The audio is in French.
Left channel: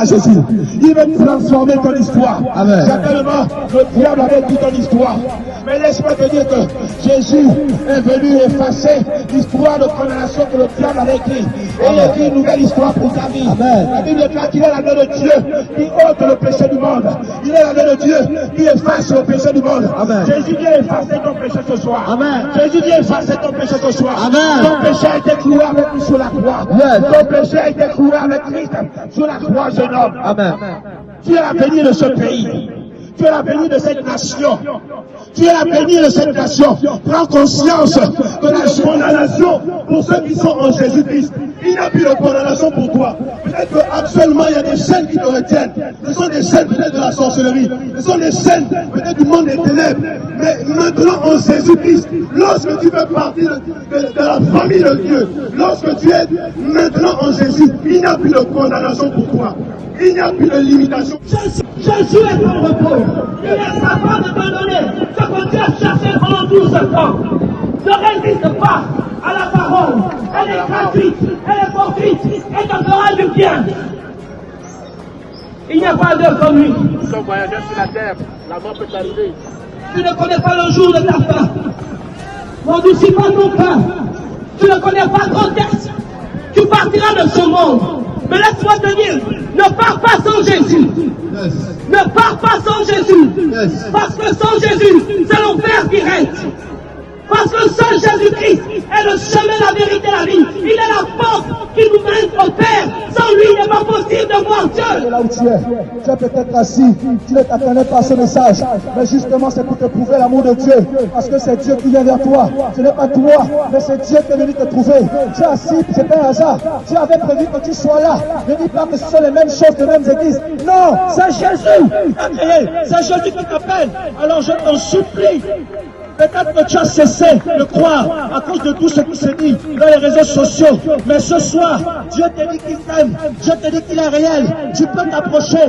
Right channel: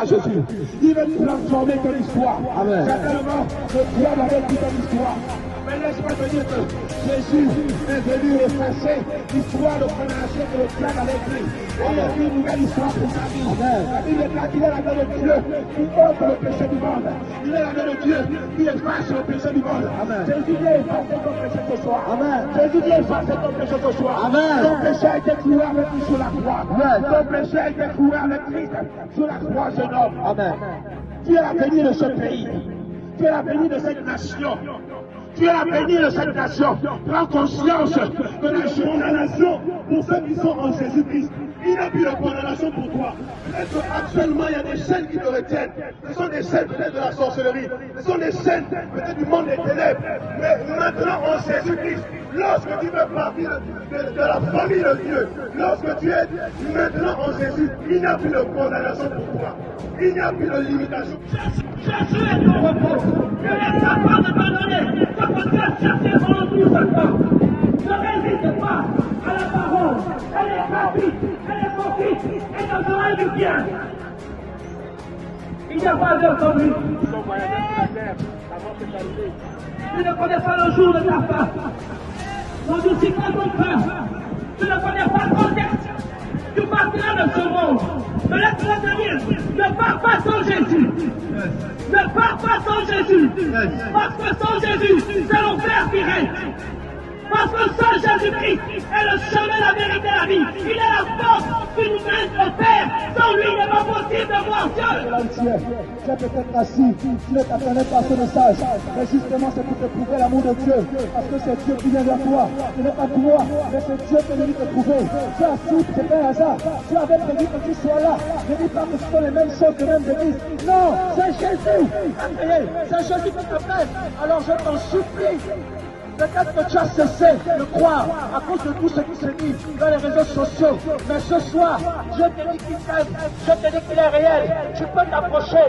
à Jésus. Il veut transformer ton histoire. Amen. Certainement, le diable avait pris ton histoire. Mais laisse-moi te dire que Jésus est venu effacer l'histoire de condamnation que le diable avait écrit. Et il a écrit une nouvelle histoire pour ta vie. Amen. La Bible déclare qu'il est la main de Dieu qui ôte le péché du monde. Il est la main de Dieu qui efface le péché du monde. Amen. Jésus vient effacer ton péché ce soir. Amen. Jésus vient effacer ton péché ce soir. Amen. Ton péché a été cloué avec lui sur la croix. Yes. Ton péché a été cloué avec Christ sur la croix, jeune homme. Amen. Tu es l'avenir de ce pays. Tu es l'avenir de cette nation. Tu es l'avenir de cette nation. Prends conscience de la condamnation pour ceux qui sont en Jésus-Christ. Il n'y a plus de condamnation pour toi. Peut-être qu'actuellement, il y a des chaînes qui te retiennent. Ce sont des chaînes peut-être de la sorcellerie. Ce sont des chaînes peut-être du monde des ténèbres. Mais maintenant, en Jésus-Christ, lorsque tu fais partie de la famille de Dieu, lorsque tu es maintenant en Jésus, il n'y a plus de condamnation pour toi. Il n'y a plus de limitation. Jésus est ton repos. Ne laisse pas de t'abandonner. Ce que tu as cherché pendant 12 ans. Ne résiste pas à la parole. Elle est gratuite, elle est fortuite et te fera du bien. Il n'y a pas d'heure comme lui. Nous sommes voyageurs sur la terre. La mort peut arriver. Tu ne connais pas le jour de ta fin. N'endurcis pas ton cœur. Tu ne connais pas ton texte. Tu partiras de ce monde. Mais laisse-moi te dire, ne pars pas sans Jésus. Yes. Ne pars pas sans Jésus. Yes. Parce que sans Jésus, c'est l'enfer qui règne. Parce que seul Jésus-Christ est le chemin, la vérité, la vie. Il est la porte qui nous mène au Père. Sans lui, il n'est pas possible de voir Dieu. Là où tu es peut-être assis, tu ne t'attendais pas à ce message, mais justement c'est pour te prouver l'amour de Dieu, parce que c'est Dieu qui vient vers toi, ce n'est pas toi, mais c'est Dieu qui est venu te trouver. Tu es assis, c'est pas un hasard, Dieu avait prévu que tu sois là. Ne dis pas que ce sont les mêmes choses, les mêmes églises. Non, c'est Jésus qui t'a créé, c'est Jésus qui t'appelle. Alors je t'en supplie. Peut-être que tu as cessé de croire à cause de tout ce qui se dit dans les réseaux sociaux. Mais ce soir, Dieu te dit qu'il t'aime. Dieu te dit qu'il est réel. Tu peux t'approcher.